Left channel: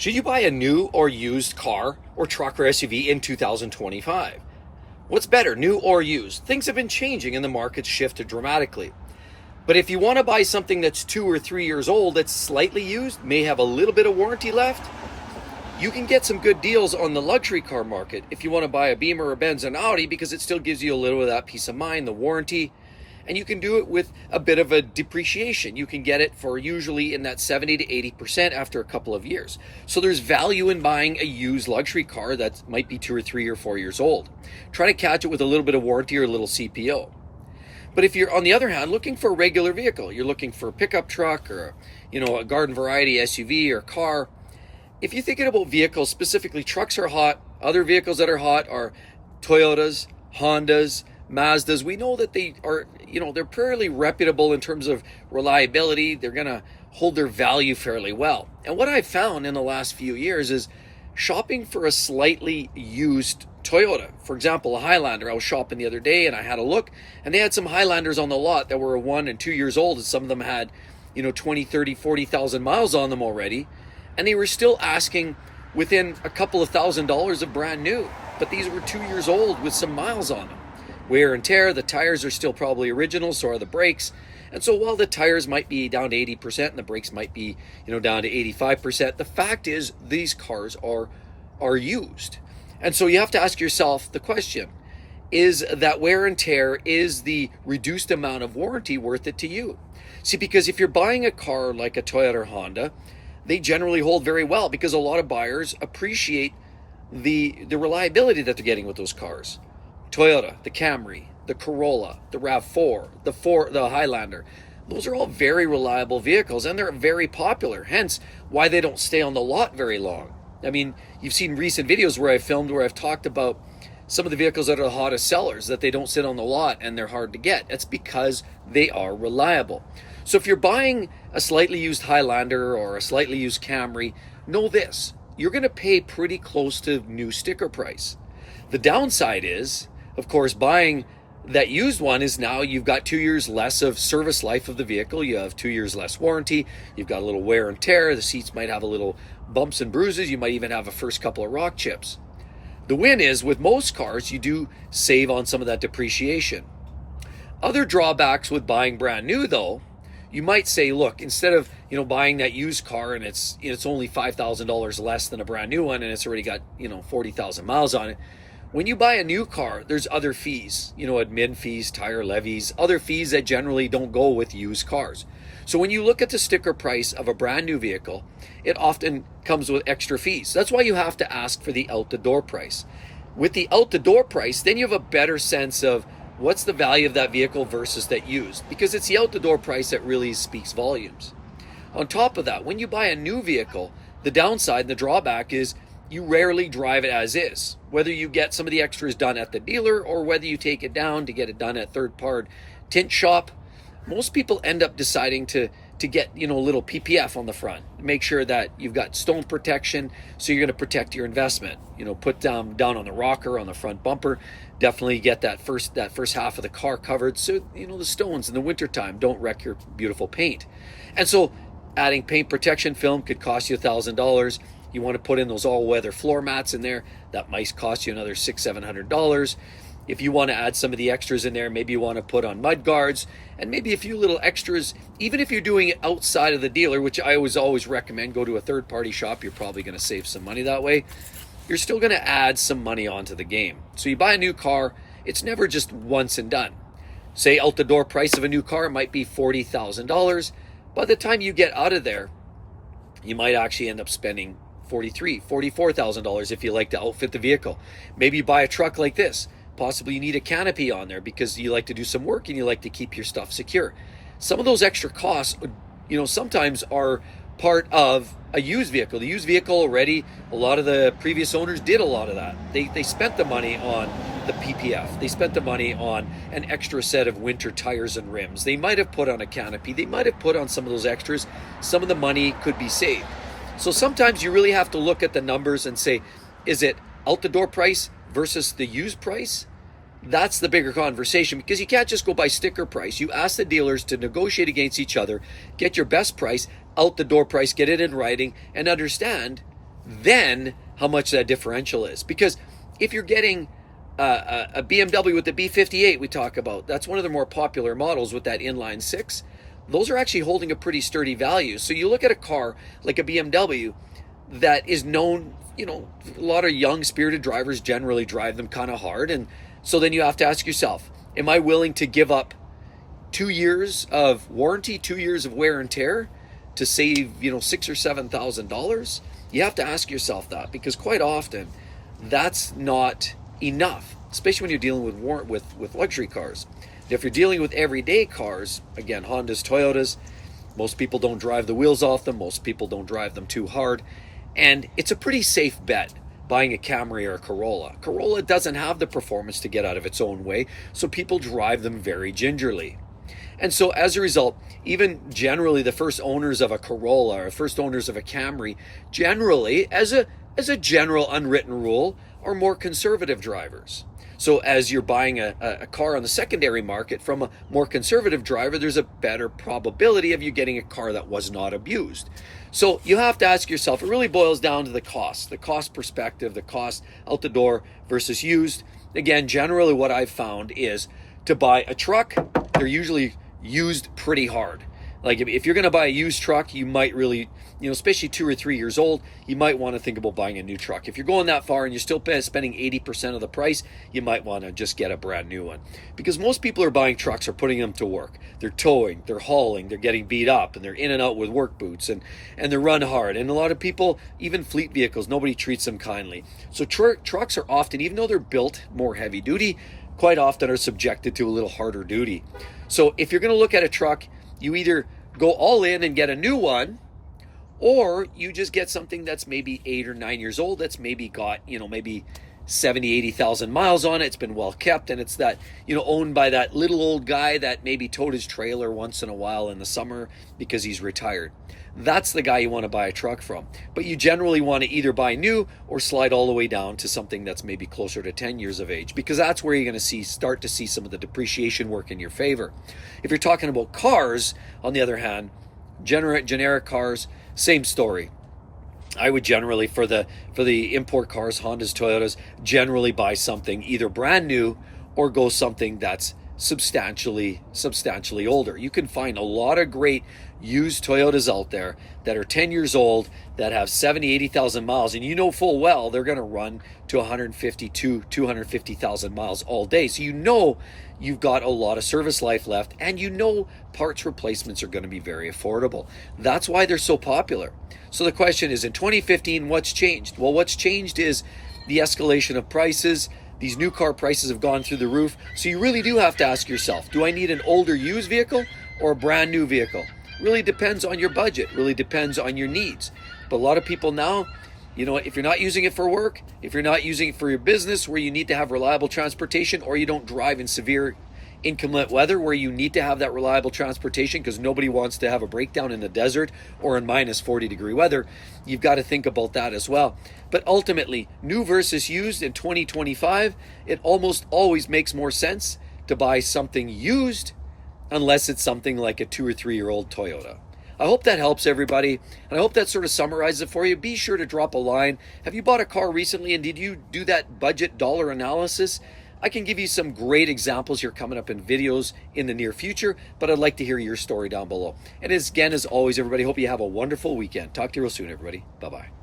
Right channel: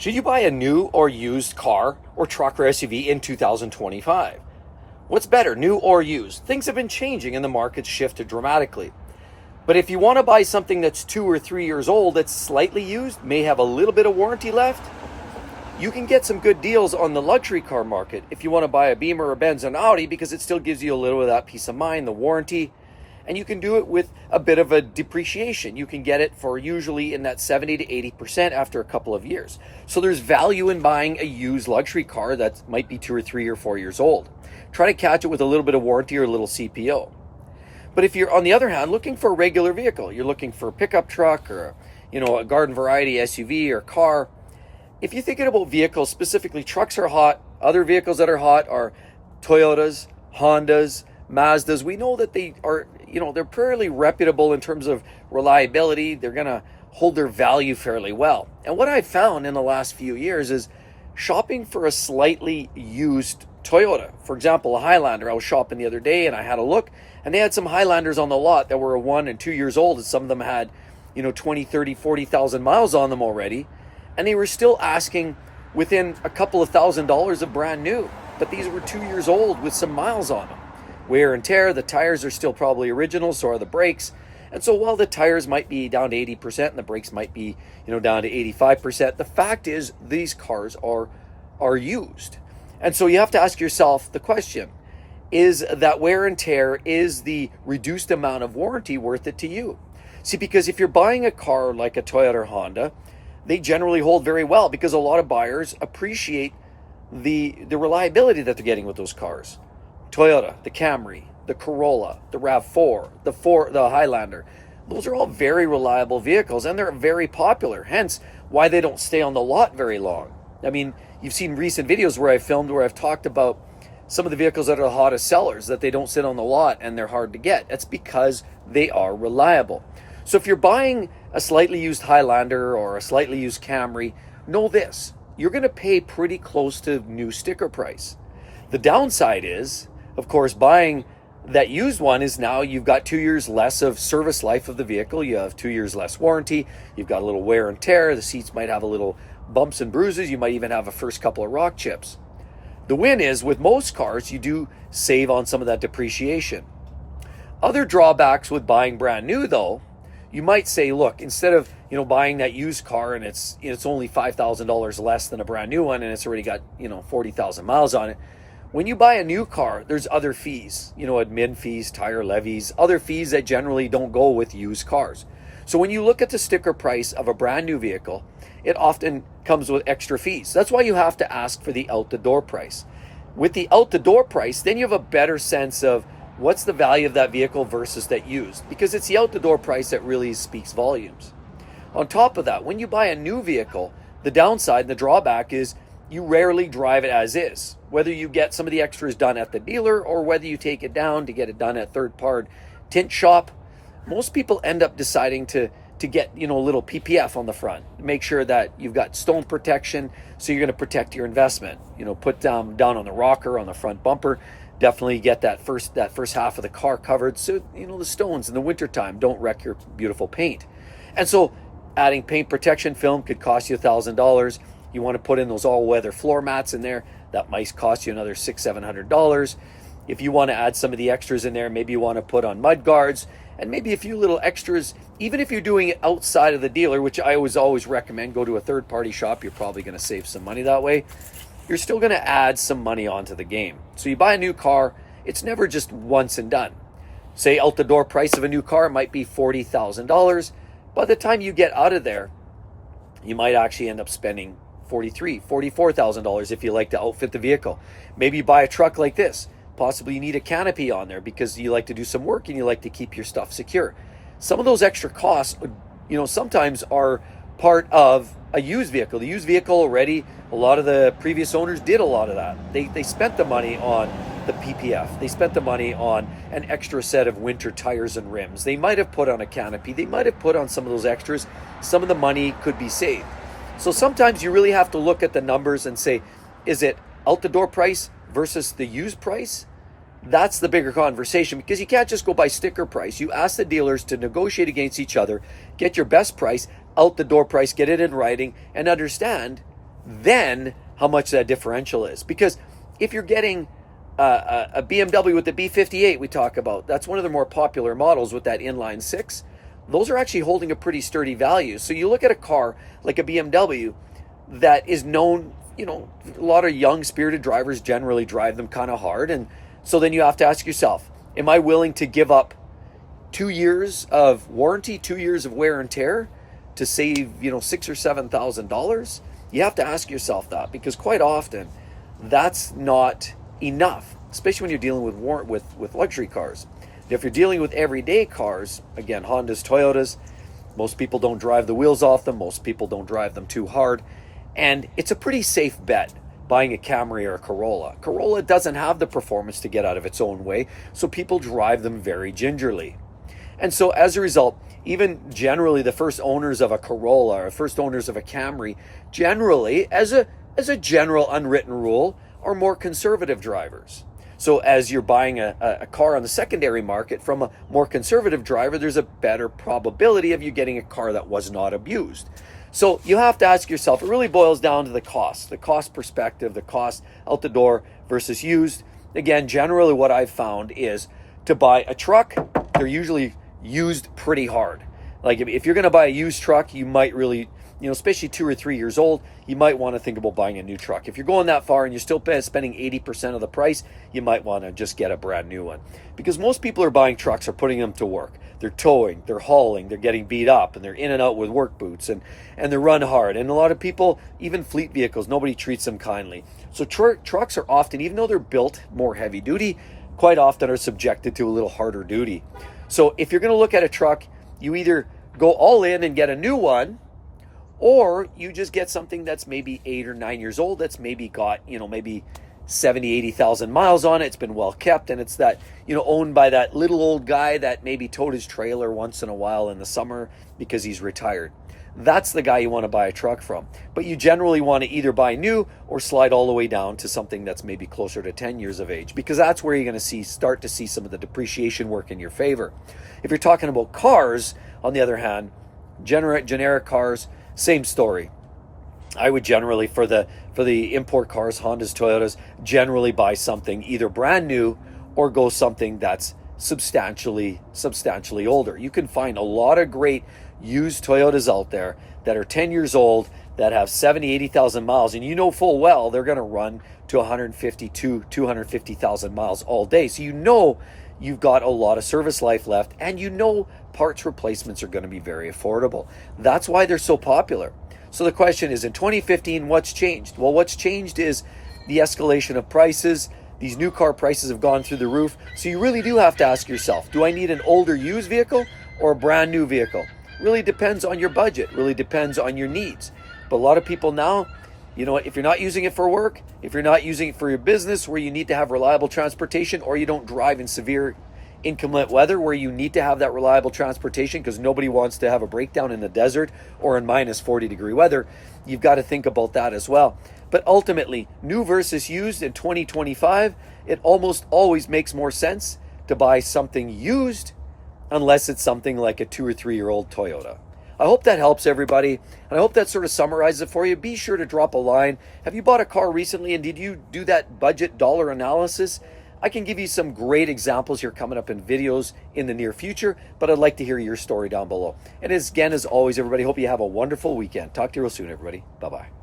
Should you buy a new or used car or truck or SUV in 2025? What's better, new or used? Things have been changing and the market's shifted dramatically. But if you want to buy something that's 2 or 3 years old, that's slightly used, may have a little bit of warranty left, you can get some good deals on the luxury car market if you want to buy a Beamer or Benz and Audi, because it still gives you a little of that peace of mind, the warranty. And you can do it with a bit of a depreciation. You can get it for usually in that 70 to 80% after a couple of years. So there's value in buying a used luxury car that might be 2 or 3 or 4 years old. Try to catch it with a little bit of warranty or a little CPO. But if you're, on the other hand, looking for a regular vehicle, you're looking for a pickup truck or a garden variety SUV or car. If you're thinking about vehicles, specifically trucks are hot. Other vehicles that are hot are Toyotas, Hondas, Mazdas. We know that they are, they're fairly reputable in terms of reliability. They're going to hold their value fairly well. And what I've found in the last few years is shopping for a slightly used Toyota. For example, a Highlander. I was shopping the other day and I had a look, and they had some Highlanders on the lot that were 1 and 2 years old, and some of them had 20, 30, 40,000 miles on them already, and they were still asking within a couple of $1,000s of brand new. But these were 2 years old with some miles on them. Wear and tear, the tires are still probably original, so are the brakes. And so while the tires might be down to 80% and the brakes might be down to 85%, the fact is these cars are used. And so you have to ask yourself the question, is that wear and tear, is the reduced amount of warranty worth it to you? See, because if you're buying a car like a Toyota or Honda, they generally hold very well because a lot of buyers appreciate the reliability that they're getting with those cars. Toyota, the Camry, the Corolla, the RAV4, the Highlander. Those are all very reliable vehicles, and they're very popular, hence why they don't stay on the lot very long. I mean, you've seen recent videos where I've talked about some of the vehicles that are the hottest sellers, that they don't sit on the lot and they're hard to get. That's because they are reliable. So if you're buying a slightly used Highlander or a slightly used Camry, know this, you're going to pay pretty close to new sticker price. The downside is, of course, buying that used one is now you've got 2 years less of service life of the vehicle. You have 2 years less warranty. You've got a little wear and tear. The seats might have a little bumps and bruises. You might even have a first couple of rock chips. The win is with most cars, you do save on some of that depreciation. Other drawbacks with buying brand new, though, you might say, look, instead of buying that used car and it's only $5,000 less than a brand new one and it's already got 40,000 miles on it. When you buy a new car, there's other fees, admin fees, tire levies, other fees that generally don't go with used cars. So when you look at the sticker price of a brand new vehicle, it often comes with extra fees. That's why you have to ask for the out-the-door price. With the out-the-door price, then you have a better sense of what's the value of that vehicle versus that used, because it's the out-the-door price that really speaks volumes. On top of that, when you buy a new vehicle, the downside and the drawback is you rarely drive it as is. Whether you get some of the extras done at the dealer or whether you take it down to get it done at third-party tint shop, most people end up deciding to get a little PPF on the front. Make sure that you've got stone protection, so you're going to protect your investment. Put down on the rocker, on the front bumper. Definitely get that first half of the car covered, so the stones in the wintertime don't wreck your beautiful paint. And so adding paint protection film could cost you $1,000. You want to put in those all-weather floor mats in there, that might cost you another $600-700. If you want to add some of the extras in there, maybe you want to put on mud guards and maybe a few little extras. Even if you're doing it outside of the dealer, which I always recommend, go to a third-party shop. You're probably going to save some money that way. You're still going to add some money onto the game. So you buy a new car, it's never just once and done. Say out-the-door price of a new car might be $40,000. By the time you get out of there, you might actually end up spending $43,000, $44,000 if you like to outfit the vehicle. Maybe you buy a truck like this. Possibly you need a canopy on there because you like to do some work and you like to keep your stuff secure. Some of those extra costs, sometimes are part of a used vehicle. The used vehicle already, a lot of the previous owners did a lot of that. They spent the money on the PPF. They spent the money on an extra set of winter tires and rims. They might have put on a canopy. They might have put on some of those extras. Some of the money could be saved. So sometimes you really have to look at the numbers and say, is it out the door price versus the used price? That's the bigger conversation, because you can't just go by sticker price. You ask the dealers to negotiate against each other, get your best price, out the door price, get it in writing, and understand then how much that differential is. Because if you're getting a BMW with the B58 we talk about, that's one of the more popular models with that inline six, those are actually holding a pretty sturdy value. So you look at a car like a BMW that is known, you know, a lot of young spirited drivers generally drive them kind of hard. And so then you have to ask yourself, am I willing to give up 2 years of warranty, 2 years of wear and tear to save, you know, $6,000 or $7,000? You have to ask yourself that, because quite often that's not enough, especially when you're dealing with luxury cars. If you're dealing with everyday cars, again, Hondas, Toyotas, most people don't drive the wheels off them. Most people don't drive them too hard. And it's a pretty safe bet buying a Camry or a Corolla. Corolla doesn't have the performance to get out of its own way, so people drive them very gingerly. And so as a result, even generally the first owners of a Corolla or first owners of a Camry, generally, as a general unwritten rule, are more conservative drivers. So as you're buying a car on the secondary market from a more conservative driver, there's a better probability of you getting a car that was not abused. So you have to ask yourself, it really boils down to the cost perspective, the cost out the door versus used. Again, generally what I've found is to buy a truck, they're usually used pretty hard. Like if you're going to buy a used truck, you might really, you know, especially 2 or 3 years old, you might want to think about buying a new truck. If you're going that far and you're still spending 80% of the price, you might want to just get a brand new one. Because most people are buying trucks are putting them to work. They're towing, they're hauling, they're getting beat up, and they're in and out with work boots, and they run hard. And a lot of people, even fleet vehicles, nobody treats them kindly. So trucks are often, even though they're built more heavy duty, quite often are subjected to a little harder duty. So if you're going to look at a truck, you either go all in and get a new one, or you just get something that's maybe 8 or 9 years old, that's maybe got, you know, maybe 70, 80,000 miles on it. It's been well kept, and it's that, you know, owned by that little old guy that maybe towed his trailer once in a while in the summer because he's retired. That's the guy you want to buy a truck from. But you generally want to either buy new or slide all the way down to something that's maybe closer to 10 years of age, because that's where you're going to start to see some of the depreciation work in your favor. If you're talking about cars, on the other hand, generic cars, same story. I would generally, for the import cars, Hondas, Toyotas, generally buy something either brand new or go something that's substantially older. You can find a lot of great used Toyotas out there that are 10 years old, that have 70, 80,000 miles, and you know full well they're going to run to 150 to 250,000 miles all day. So you know you've got a lot of service life left, and you know parts replacements are going to be very affordable. That's why they're so popular. So the question is, in 2015, what's changed? Well, what's changed is the escalation of prices. These new car prices have gone through the roof. So you really do have to ask yourself, do I need an older used vehicle or a brand new vehicle? Really depends on your budget, really depends on your needs. But a lot of people now, you know what, if you're not using it for work, if you're not using it for your business where you need to have reliable transportation, or you don't drive in severe inclement weather where you need to have that reliable transportation because nobody wants to have a breakdown in the desert or in minus 40 degree weather, you've got to think about that as well. But ultimately, new versus used in 2025, it almost always makes more sense to buy something used unless it's something like a 2 or 3 year old Toyota. I hope that helps everybody, and I hope that sort of summarizes it for you. Be sure to drop a line. Have you bought a car recently, and did you do that budget dollar analysis? I can give you some great examples here coming up in videos in the near future, but I'd like to hear your story down below. And as always, everybody, hope you have a wonderful weekend. Talk to you real soon, everybody. Bye-bye.